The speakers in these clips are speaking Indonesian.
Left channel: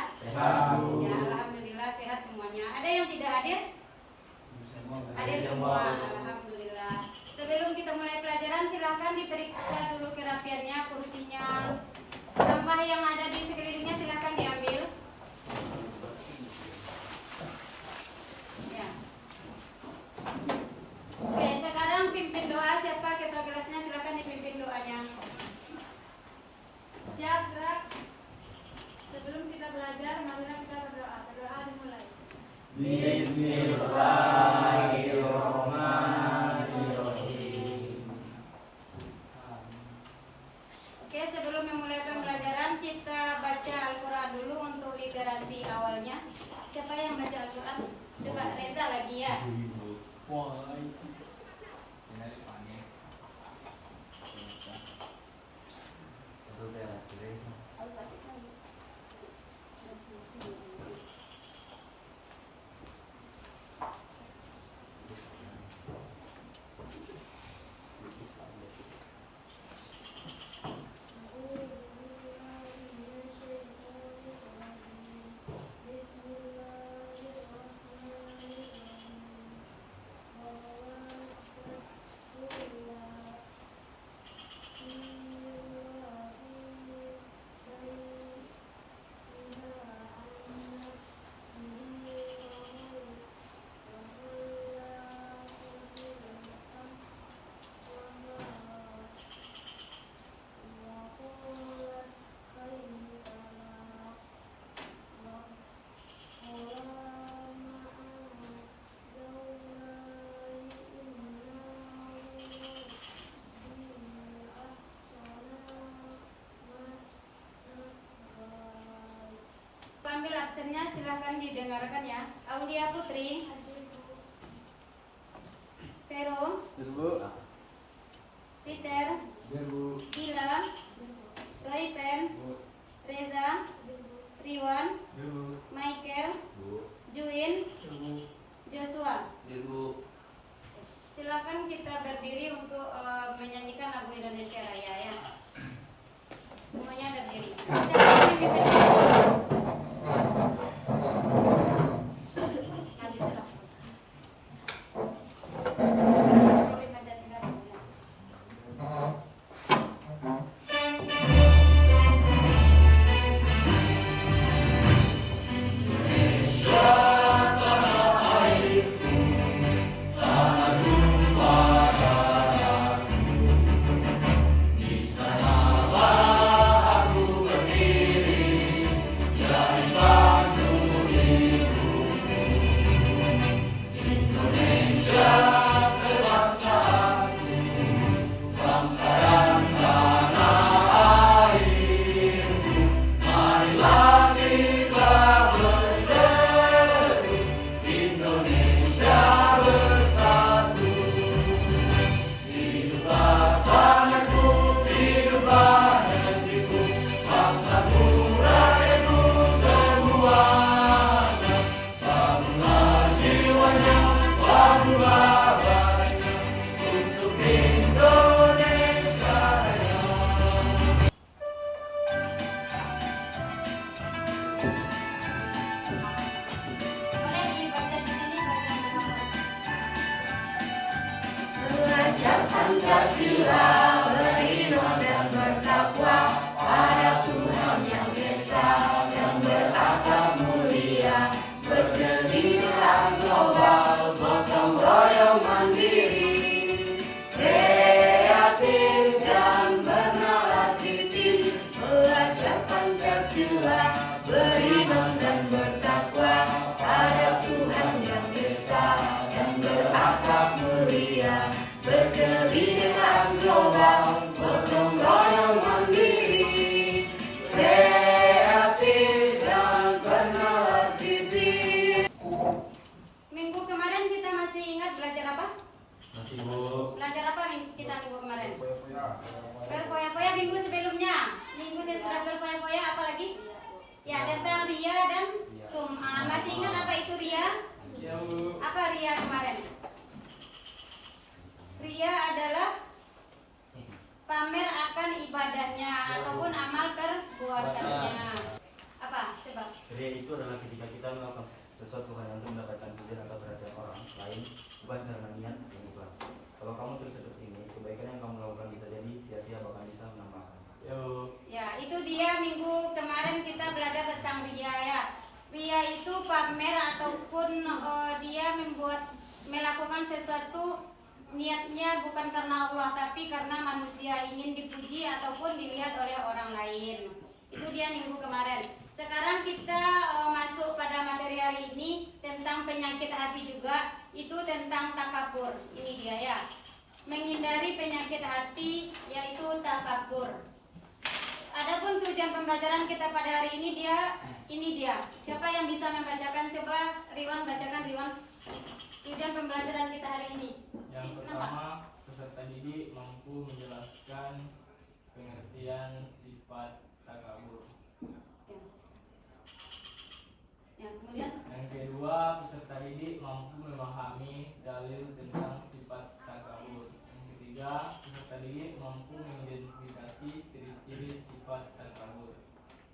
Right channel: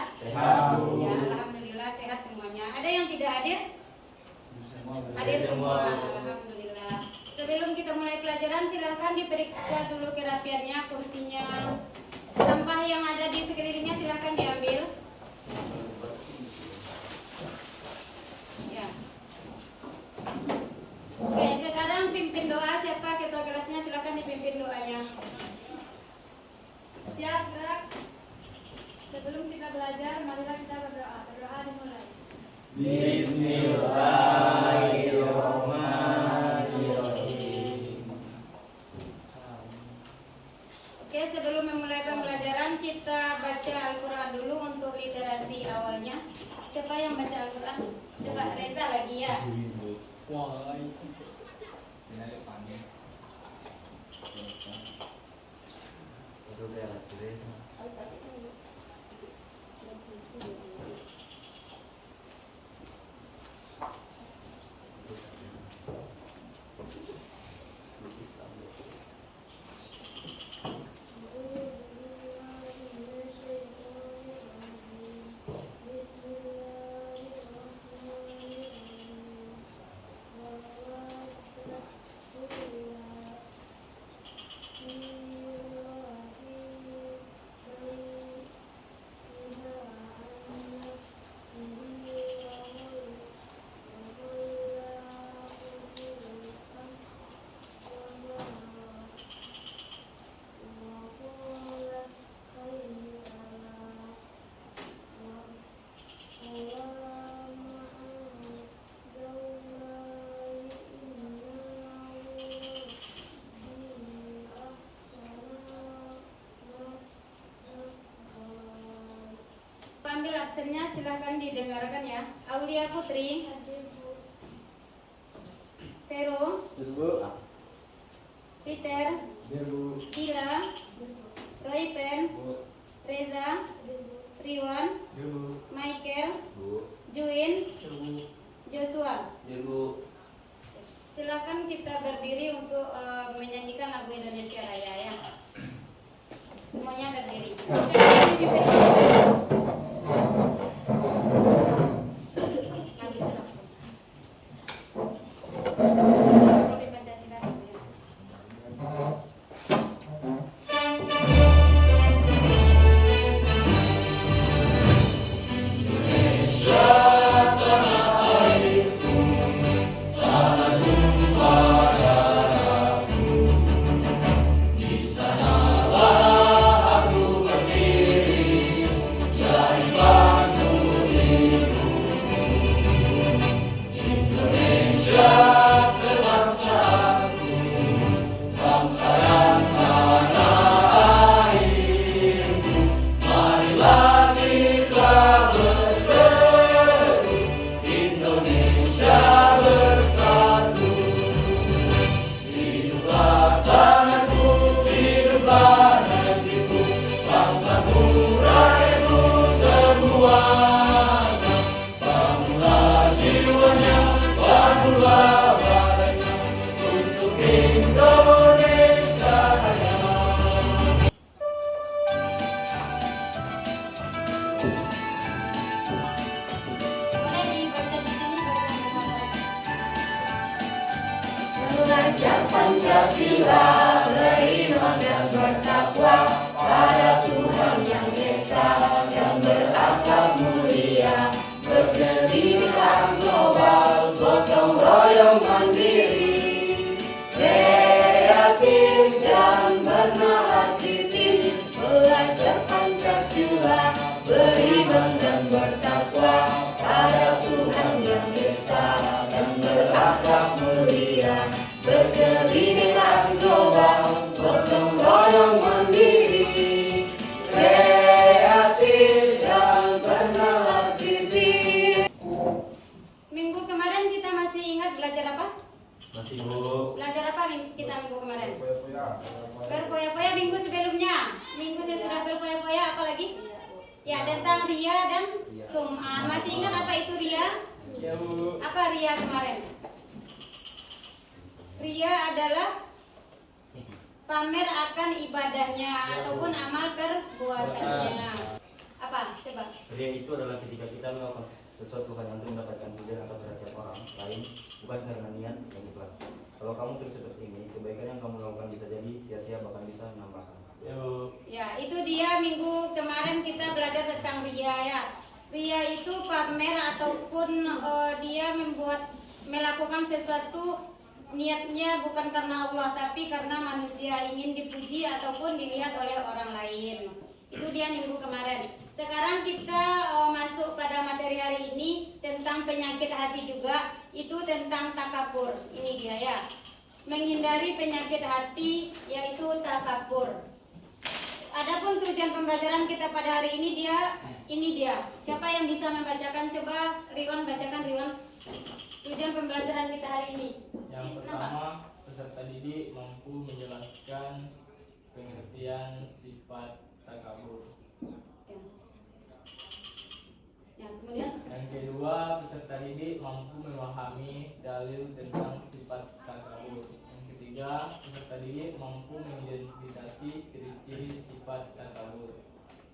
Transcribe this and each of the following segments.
sehat? Sehat. Ya, alhamdulillah sehat semuanya. Ada yang tidak hadir? Hadir semua. Alhamdulillah. Sebelum kita mulai pelajaran, silahkan diperiksa dulu kerapiannya, kursinya, sampah yang ada di sekelilingnya silahkan diambil. Ya. Oke, sekarang pimpin doa. Siapa ketua kelasnya? Silahkan dipimpin doanya. Siap, gerak. Sebelum kita belajar, marilah kita berdoa. Berdoa dimulai. Bismillahirrahmanirrahim. Oke, sebelum memulai pembelajaran kita baca Al-Quran dulu untuk literasi awalnya. Siapa yang baca Al-Quran? Coba Reza lagi ya. Ambil absennya, silahkan didengarkan ya. Aulia Putri, Vero, Peter, Gila, Roypen, Reza, Riwan, Michael, Juin, Joshua. Silakan kita berdiri untuk menyanyikan lagu Indonesia Raya ya. Semuanya berdiri. Pancasila, beriman dan bertakwa pada Tuhan yang Esa, yang berakhlak mulia, berdirikan global, gotong royong mandiri, kreatif dan bernalar kritis, belajar Pancasila, beriman dan bertakwa pada Tuhan yang Esa, yang berakhlak mulia, berkebinekaan global, gotong royong mandiri, kreatif dan bernalar kritis. Minggu kemarin kita masih ingat belajar apa? Masih Bu. Belajar apa kita minggu kemarin? Berpoya-poya. Minggu sebelumnya. Minggu saya sudah berpoya-poya, apa lagi? Ya, tentang ria dan sum'ah. Masih ingat apa itu ria? Ya Bu. Apa ria kemarin? Ria adalah pamer akan ibadahnya ataupun amal perbuatannya. Apa? Coba. ria itu adalah ketika kita melakukan sesuatu hanya untuk mendapatkan pujian atau perhatian orang lain, bukan karena niat yang ikhlas. Kalau kamu terus seperti ini, kebaikan yang kamu lakukan bisa jadi sia-sia, bahkan bisa menambahkan. Ya, itu dia minggu kemarin kita belajar tentang ria ya. Ria itu pamer ataupun dia melakukan sesuatu niatnya bukan karena Allah tapi karena manusia ingin dipuji ataupun dilihat oleh orang lain. Itu dia minggu kemarin. Sekarang kita masuk pada materi hari ini tentang penyakit hati juga. Itu tentang takabur. Ini dia ya. Menghindari penyakit hati yaitu takabur. Adapun tujuan pembelajaran kita pada hari ini dia. Siapa yang bisa membacakan? Coba Riwan bacakan Riwan. Tujuan pembelajaran kita hari ini. Yang pertama, peserta didik mampu menjelaskan pengertian sifat takabur. Kemudian Yang kedua, peserta didik mampu memahami dalil tentang sifat takabur. Yang ketiga, peserta didik mampu mengidentifikasi ciri-ciri sifat takabur.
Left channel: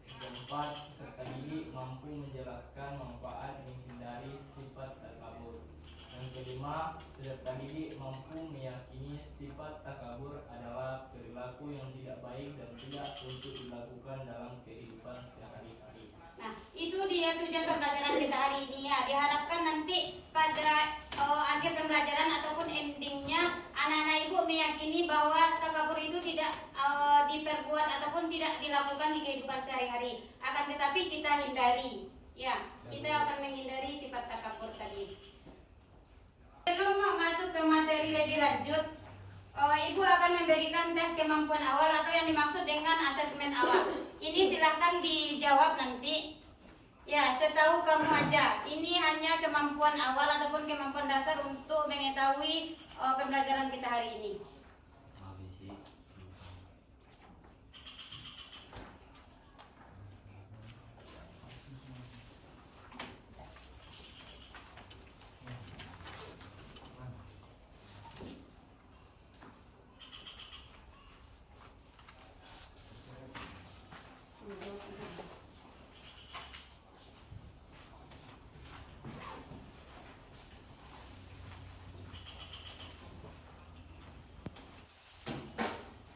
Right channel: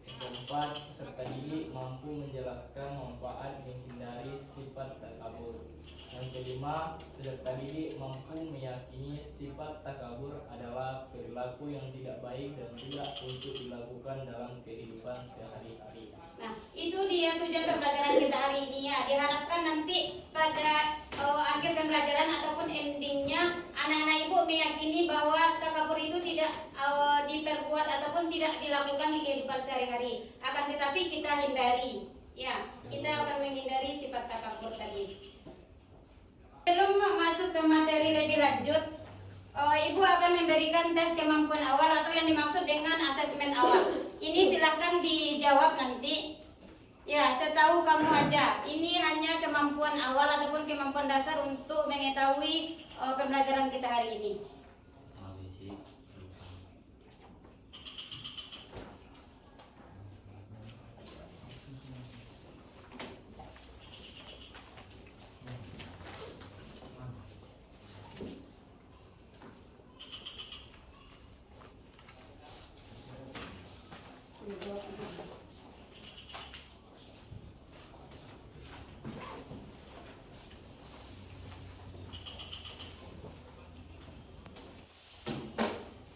Yang keempat, peserta didik mampu menjelaskan manfaat menghindari sifat takabur. Yang kelima, peserta didik mampu meyakini sifat takabur adalah perilaku yang tidak baik dan tidak untuk dilakukan dalam kehidupan sehari-hari. Nah, itu dia tujuan pembelajaran kita hari ini ya. Diharapkan nanti pada akhir pembelajaran ataupun endingnya anak-anak ibu meyakini bahwa takabur itu tidak diperbuat ataupun tidak dilakukan di kehidupan sehari-hari. Akan tetapi kita hindari. Ya, kita akan menghindari sifat takabur tadi. Sebelum masuk ke materi lebih lanjut, Ibu akan memberikan tes kemampuan awal atau yang dimaksud dengan asesmen awal. Ini silahkan dijawab nanti. Ya, setahu kamu aja. Ini hanya kemampuan awal ataupun kemampuan dasar untuk mengetahui pembelajaran kita hari ini.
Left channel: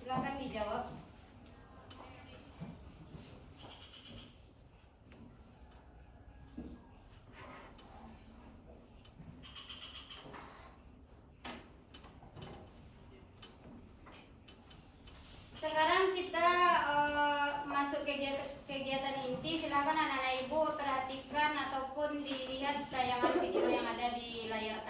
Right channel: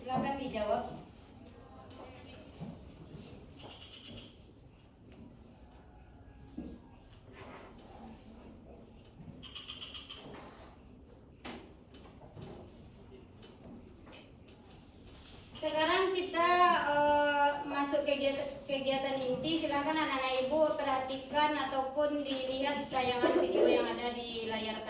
Silakan dijawab. Sekarang kita masuk kegiatan inti. Silakan anak-anak ibu perhatikan ataupun dilihat tayangan video yang ada di layar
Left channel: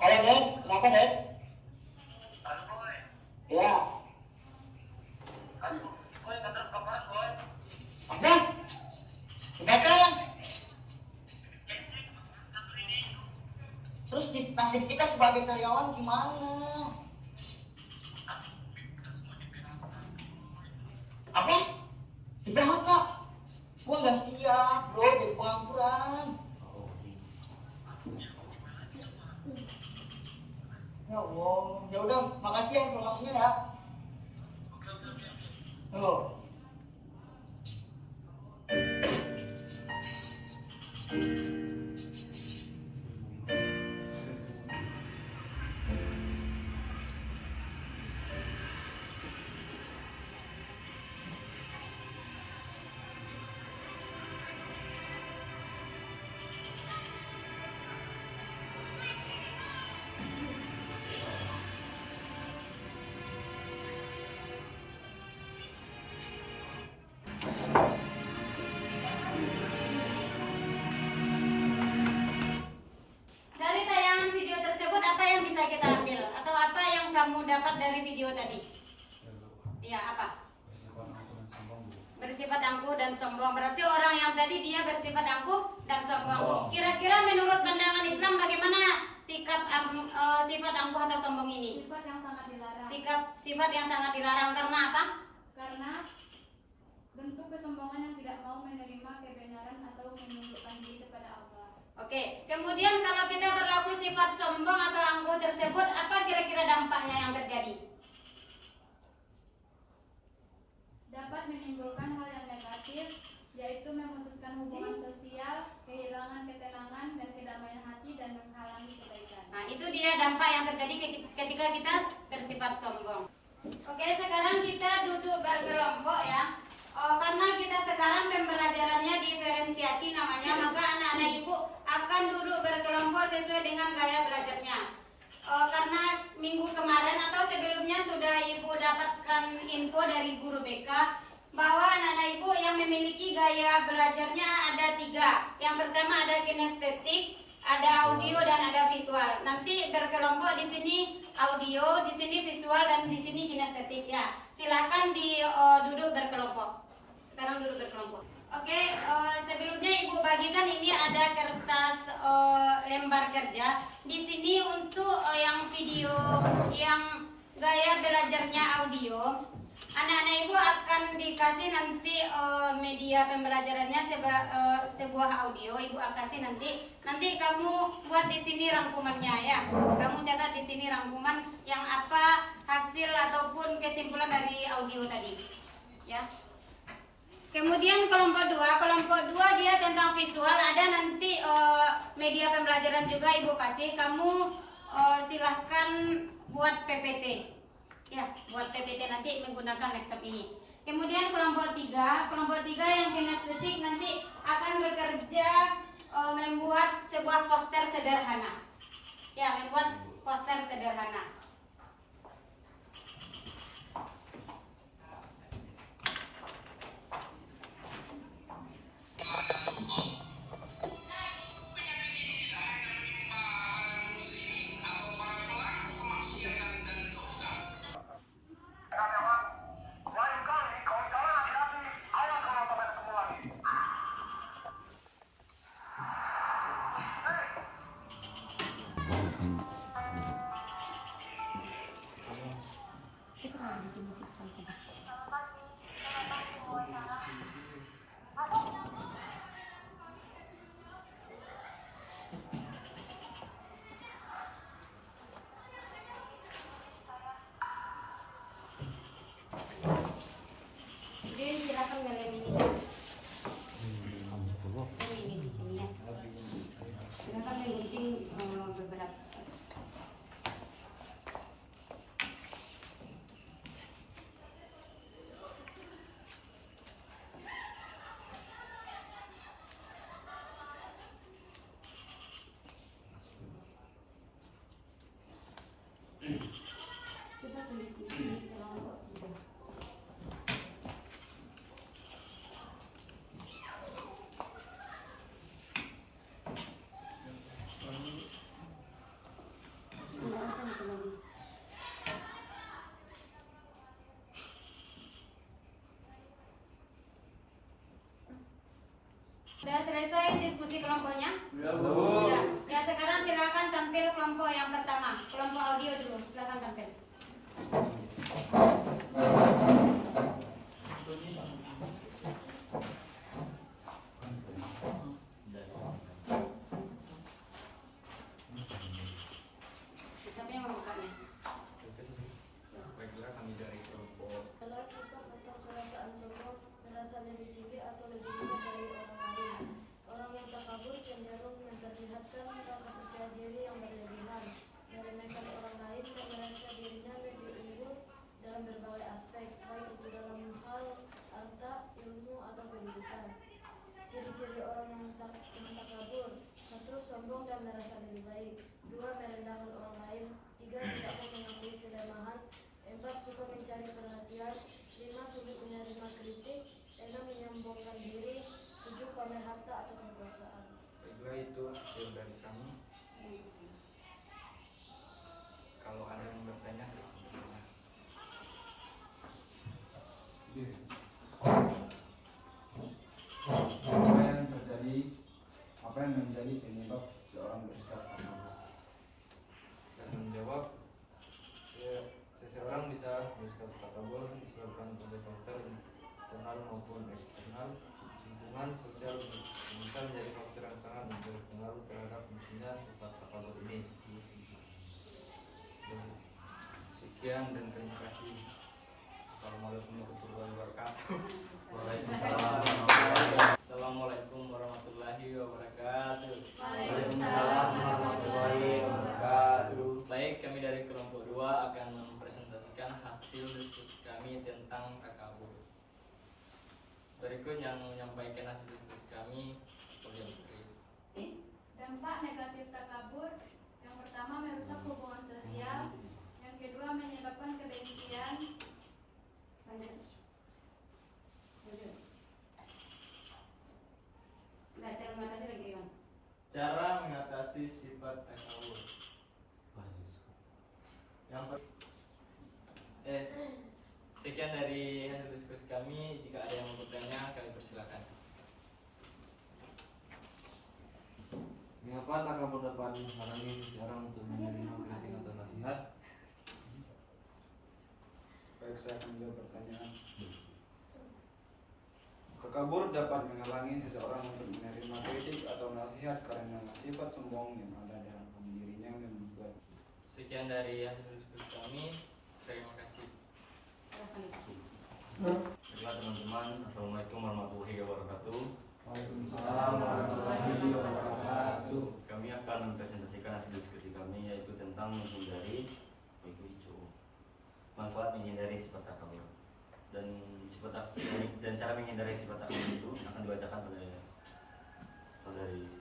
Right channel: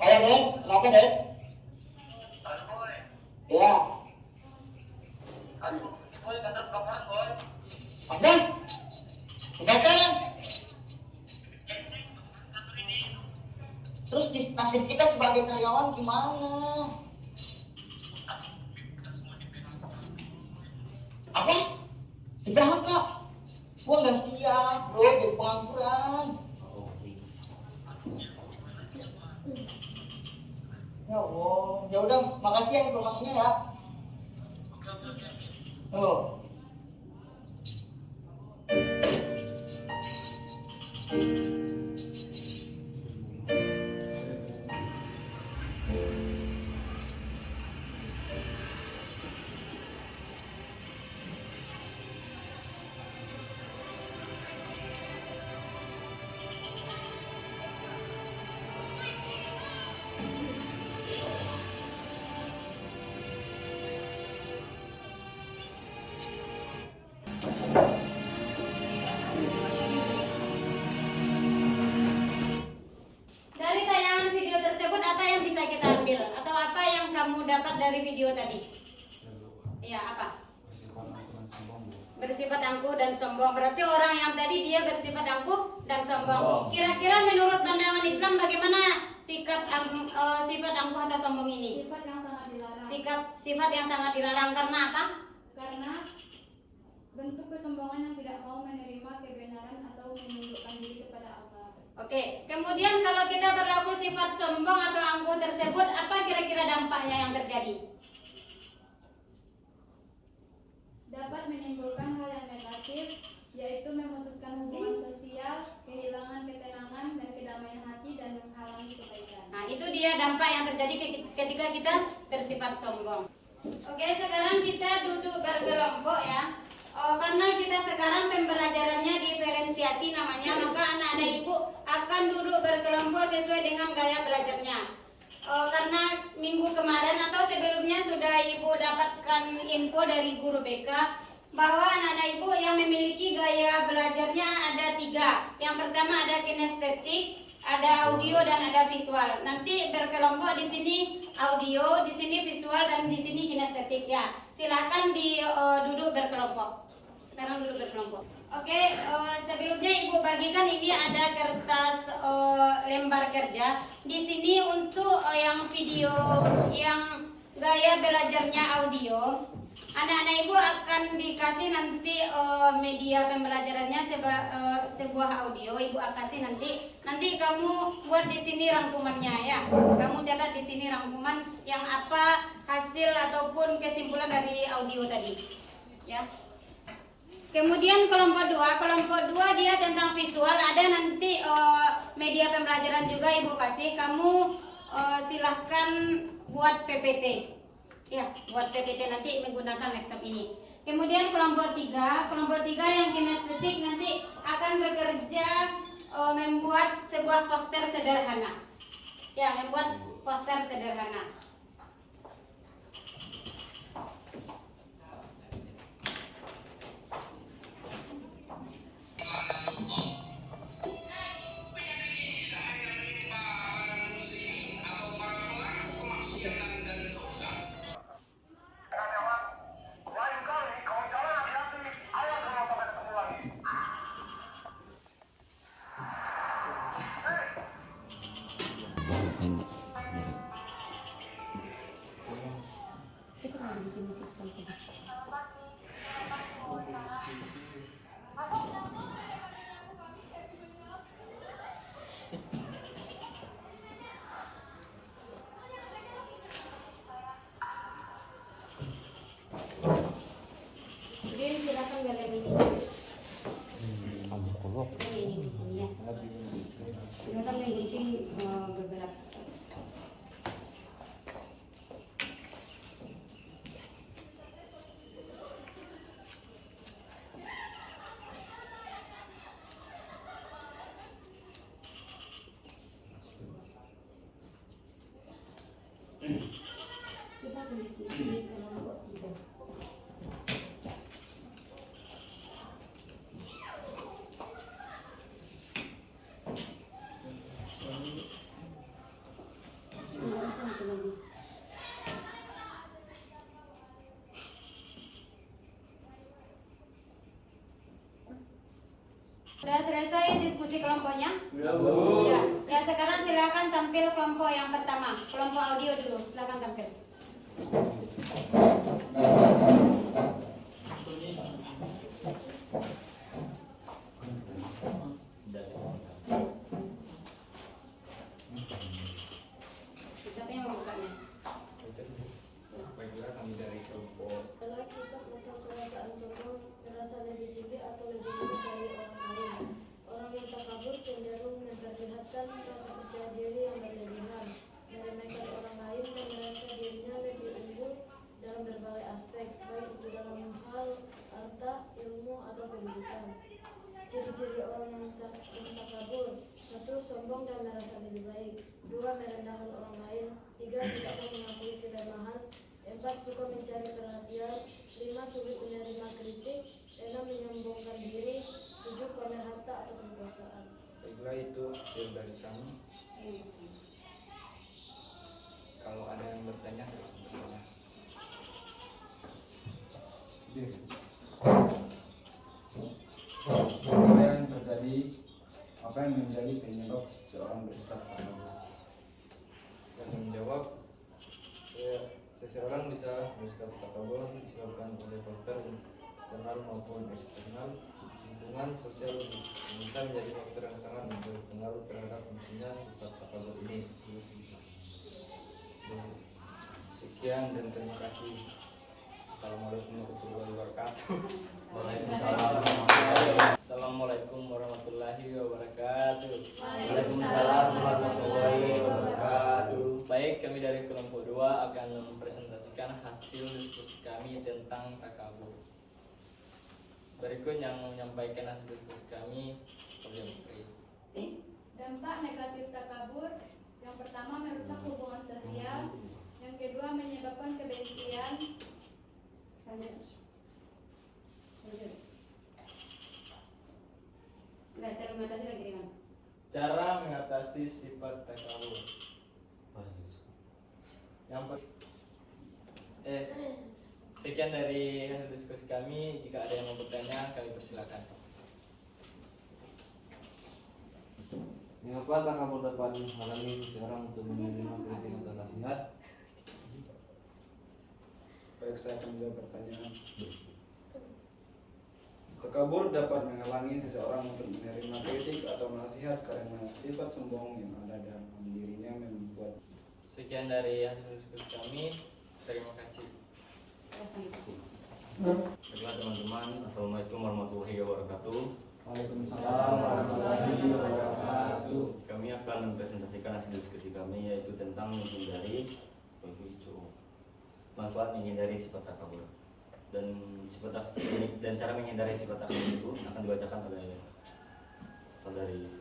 Ayo Dek, kenapa Dek? Ya. Ada? Udah kan? Terus nasib kita sebagai karyawan gimana? Apa? Di PHK? Gua nggak siap, bro, jadi pengangguran. Ya Allah, ya udah, makasih ya informasinya ya. Oh. Dari tayangan video tersebut apa yang bisa kita ambil atau apa yang kamu dapat dari video tadi? Iya, apa? Bersifat angkuh dan sombong. Berarti orang yang tadi dia bersifat angkuh dan sombong. Kira-kira menurut pandangan Islam bagaimana sifat angkuh atau sombong ini? Sifat yang sangat dilarang. Sifat yang sangat dilarang karena apa? Karena bentuk kesombongan yang tidak mau menerima kebenaran atau menundukkan diri kepada Allah. Oke, kemudian kalau kita berlaku sifat sombong atau angkuh tersebut, apa kira-kira dampaknya yang terjadi? Dapat menimbulkan hal yang negatif, yaitu memutuskan hubungan sosial, kehilangan ketenangan dan kedamaian hati, dan menghalangi kebaikan. Nah, itu dia dampak yang terjadi ketika kita bersifat sombong. Oke, sekarang kita duduk berkelompok ya. Karena kita sekarang pembelajarannya diferensiasi namanya, maka anak-anak ibu akan duduk berkelompok sesuai dengan gaya belajarnya. Karena minggu kemarin atau sebelumnya sudah ibu dapatkan info dari guru BK bahwa anak-anak ibu yang memiliki gaya belajarnya ada 3. Yang pertama ada kinestetik, ada audio dan ada visual. Nanti berkelompok di sini audio, di sini visual dan di sini kinestetik ya. Silahkan duduk berkelompok. Sekarang duduk berkelompok. Oke, sebelumnya ibu bagikan ini ada kertas lembar kerja. Di sini untuk yang video, yang gaya belajarnya audio, anak-anak ibu akan dikasih nanti media pembelajarannya sebuah audio. Ibu akan kasih nanti kamu buat di sini rangkumannya ya. Kamu catat di sini rangkuman yang apa hasil ataupun kesimpulan dari audio tadi, ya. Kemudian kelompok 2 dia tentang visual, ada nanti media pembelajaran juga ibu kasih. Kamu silahkan buat PPT, ya, buat PPT nanti menggunakan laptop ini. Kemudian kelompok 3 yang kinestetik nanti akan bekerja membuat sebuah poster sederhana, ya, membuat poster sederhana. Silakan galeri ini. Ini di sini ya. Silakan menggunting beberapa. Kita tulis di sini kelompok 3. diskusi kelompoknya? Belum. Ya. Ya, sekarang silakan tampil kelompok yang pertama. Kelompok audio dulu, silakan tampil. Siapa yang membukanya? Baiklah, kami dari kelompok Adalah sikap atau perasaan sombong, merasa lebih tinggi atau lebih hebat dari orang lain. Orang yang takabur cenderung memperlihatkan rasa percaya diri yang berlebihan, meremehkan orang lain dan merasa dirinya lebih unggul dalam berbagai aspek, baik itu dalam hal harta, ilmu, atau pendidikan. Ciri-ciri orang yang takabur: 1. Sombong dan merasa lebih baik. 2. Merendahkan orang lain. 3. Tidak mau mengakui kelemahan. 4. Suka mencari perhatian. 5. Sulit menerima kritik. 6. Menyombongkan diri. 7. Pamer harta atau kekuasaan. Baiklah, itu hasil dari kami. Kalau ada yang bertanya, silakan bertanya. Apa yang menjadi penyebab seorang bersikap takabur? Yang menjawab, seseorang bisa bersikap takabur disebabkan oleh faktor internal maupun eksternal. Lingkungan sosial bisa menjadi faktor yang sangat berpengaruh terhadap munculnya sifat takabur ini. Sekian dan terima kasih. Assalamualaikum warahmatullahi wabarakatuh. Assalamualaikum warahmatullahi wabarakatuh. Waalaikumsalam warahmatullahi wabarakatuh. Baik, kami dari kelompok 2 akan mempresentasikan hasil diskusi kami tentang takabur. Berikut yang menyampaikan hasil diskusi kami, Prof. Putri. Dampak negatif takabur: yang pertama merusak hubungan sosial, yang kedua menyebabkan kebencian, Cara mengatasi sifat takabur. Sekian dari hasil diskusi kami. Jika ada yang mau bertanya, kami persilakan. Mengapa takabur dapat menghalangi seseorang untuk menerima kritik atau nasihat? Baik, saya akan menjawab pertanyaan. Takabur dapat menghalangi seseorang untuk menerima kritik atau nasihat karena sifat sombong yang ada dalam dirinya membuat. Sekian dari hasil diskusi kami. Terima kasih. Baiklah teman-teman, Assalamualaikum warahmatullahi wabarakatuh. Waalaikumsalam warahmatullahi wabarakatuh. Kami akan mempresentasikan hasil diskusi kami, yaitu tentang menghindari manfaat menghindari sifat takabur. Dan cara menghindari sifat takabur itu akan dibacakan oleh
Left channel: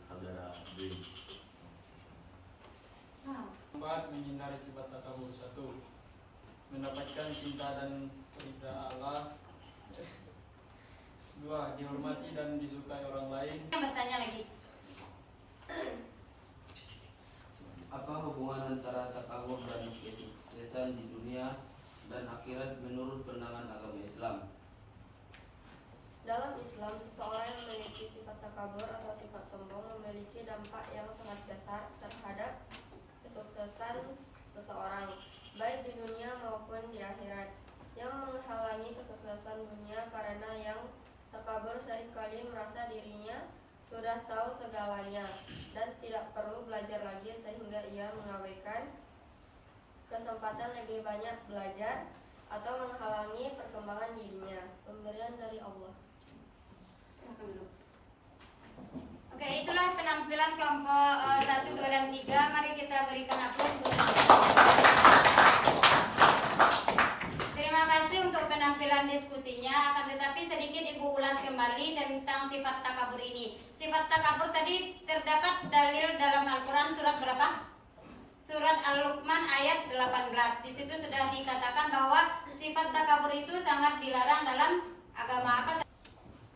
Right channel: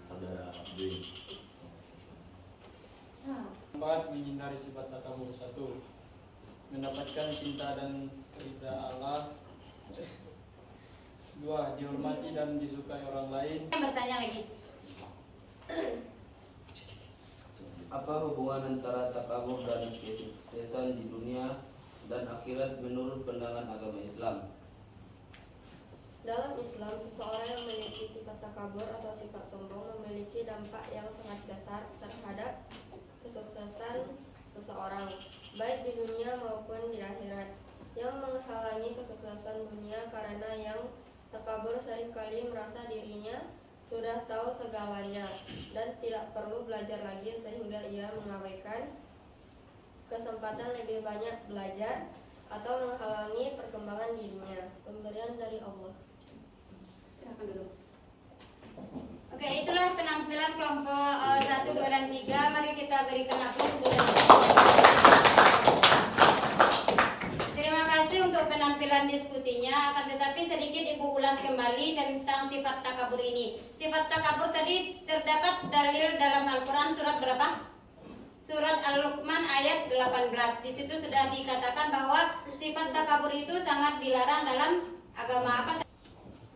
saudara Dwi. Manfaat menghindari sifat takabur: 1. Mendapatkan cinta dan ridha Allah. 2. Dihormati dan disukai orang lain. Yang bertanya lagi. Apa hubungan antara takabur dan kesuksesan di dunia dan akhirat menurut pandangan agama Islam? Dalam Islam, seseorang yang memiliki sifat takabur atau sifat sombong memiliki dampak yang sangat besar terhadap kesuksesan seseorang, baik di dunia maupun di akhirat. Yang menghalangi kesuksesan dunia karena yang takabur seringkali merasa dirinya sudah tahu segalanya dan tidak perlu belajar lagi, sehingga ia mengabaikan kesempatan lebih banyak belajar atau menghalangi perkembangan dirinya. Pemberian dari Allah. Silakan dulu. Oke, itulah penampilan kelompok 1, 2, dan 3. Mari kita berikan aplaus. Terima kasih untuk penampilan diskusinya. Akan tetapi sedikit Ibu ulas kembali tentang sifat takabur ini. Sifat takabur tadi terdapat dalil dalam Al-Quran surat berapa? Surat Al-Luqman ayat 18. Di situ sudah dikatakan bahwa sifat takabur itu sangat dilarang dalam agama apa?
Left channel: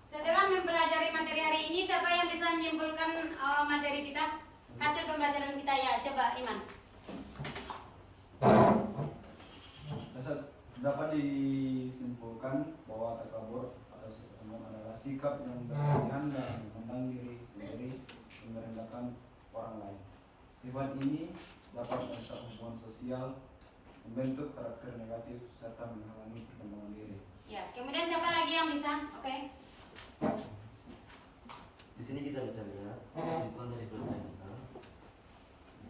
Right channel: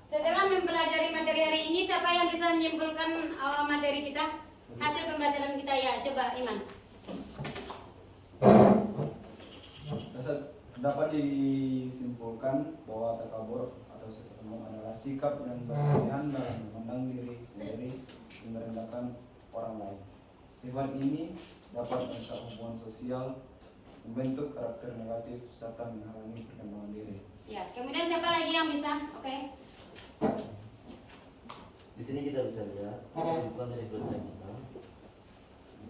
Setelah mempelajari materi hari ini, siapa yang bisa menyimpulkan materi kita? Hasil pembelajaran kita ya, coba Iman. Dapat disimpulkan bahwa takabur atau sombong adalah sikap yang berlebihan dalam memandang diri sendiri dan merendahkan orang lain. Sifat ini dapat merusak hubungan sosial, membentuk karakter negatif, serta menghalangi perkembangan diri. Ya, kemudian siapa lagi yang bisa? Oke. Di sini kita bisa lihat kesimpulan dari pelajaran kita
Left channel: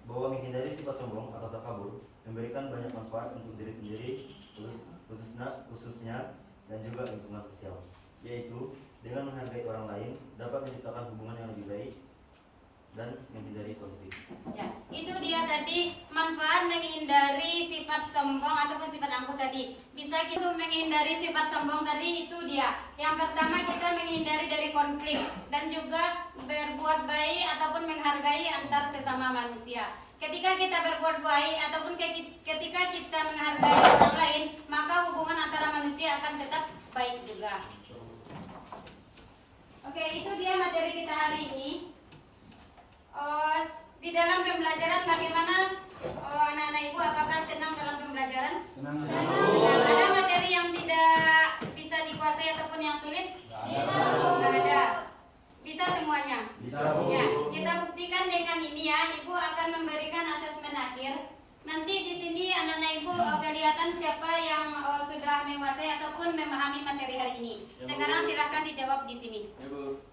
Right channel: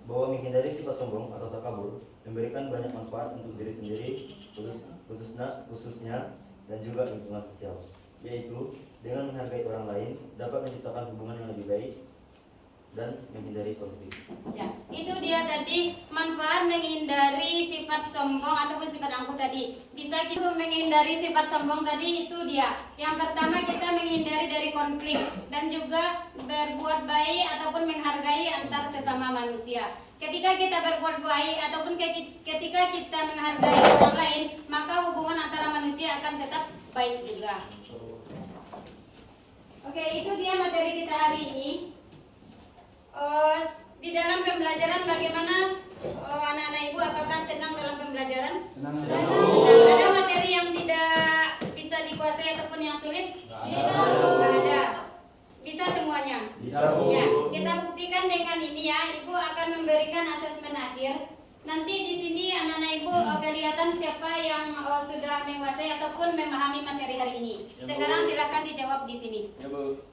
bahwa menghindari sifat sombong atau takabur memberikan banyak manfaat untuk diri sendiri, khususnya dan juga lingkungan sosial, yaitu dengan menghargai orang lain dapat menciptakan hubungan yang lebih baik dan menghindari konflik. Ya, itu dia tadi manfaat menghindari sifat sombong ataupun sifat angkuh tadi. Bisa kita menghindari sifat sombong tadi, itu dia. Yang pertama, kita menghindari dari konflik dan juga berbuat baik ataupun menghargai antar sesama manusia. Ketika kita berbuat baik ataupun ketika kita menghargai orang lain, maka hubungan antara manusia akan tetap baik juga. Oke, itu dia materi kita hari ini. Di dalam pembelajaran bagaimana anak-anak ibu, apakah senang dalam pembelajaran? Ada materi yang tidak bisa dikuasai ataupun yang sulit? Tidak ada. Bisa semuanya? Bisa, Bu. Ya, kita buktikan dengan ini ya. Ibu akan memberikan asesmen akhir. Nanti di sini anak-anak ibu kelihatan siapa yang sudah menguasai ataupun memahami materi hari ini. Sekarang silakan dijawab di sini. Ya, Bu.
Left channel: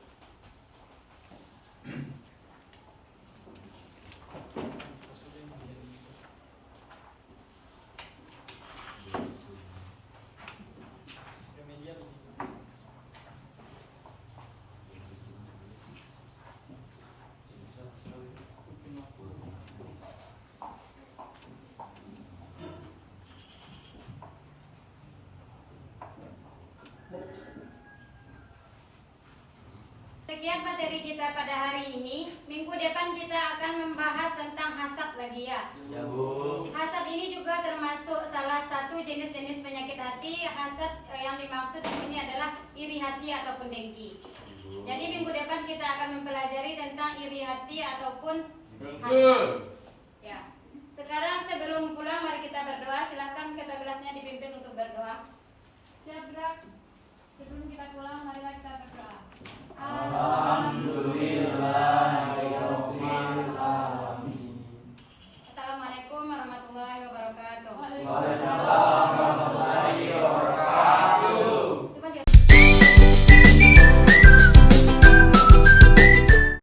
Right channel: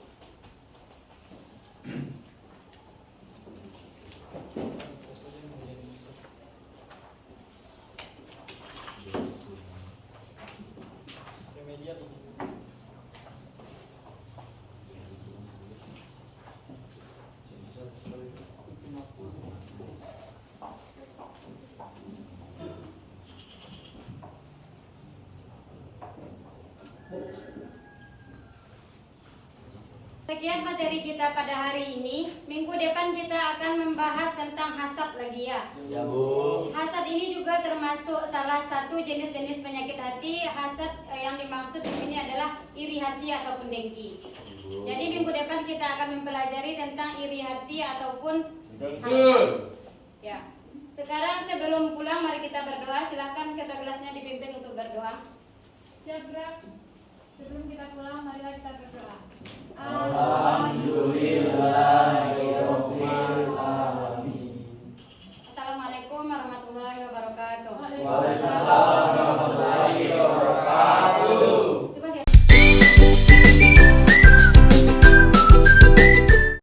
Sekian materi kita pada hari ini. Minggu depan kita akan membahas tentang hasad lagi ya. Ya, Bu. Hasad ini juga termasuk salah satu jenis-jenis penyakit hati. Hasad yang dimaksud di sini adalah iri hati ataupun dengki. Jadi minggu depan kita akan mempelajari tentang iri hati ataupun hasad. Ya. Sekarang sebelum pulang mari kita berdoa. Silakan ketua kelasnya dipimpin untuk berdoa. Siap gerak. Sebelum kita pulang, marilah kita berdoa. Alhamdulillahirobbilalamin. Assalamualaikum warahmatullahi wabarakatuh. Waalaikumsalam.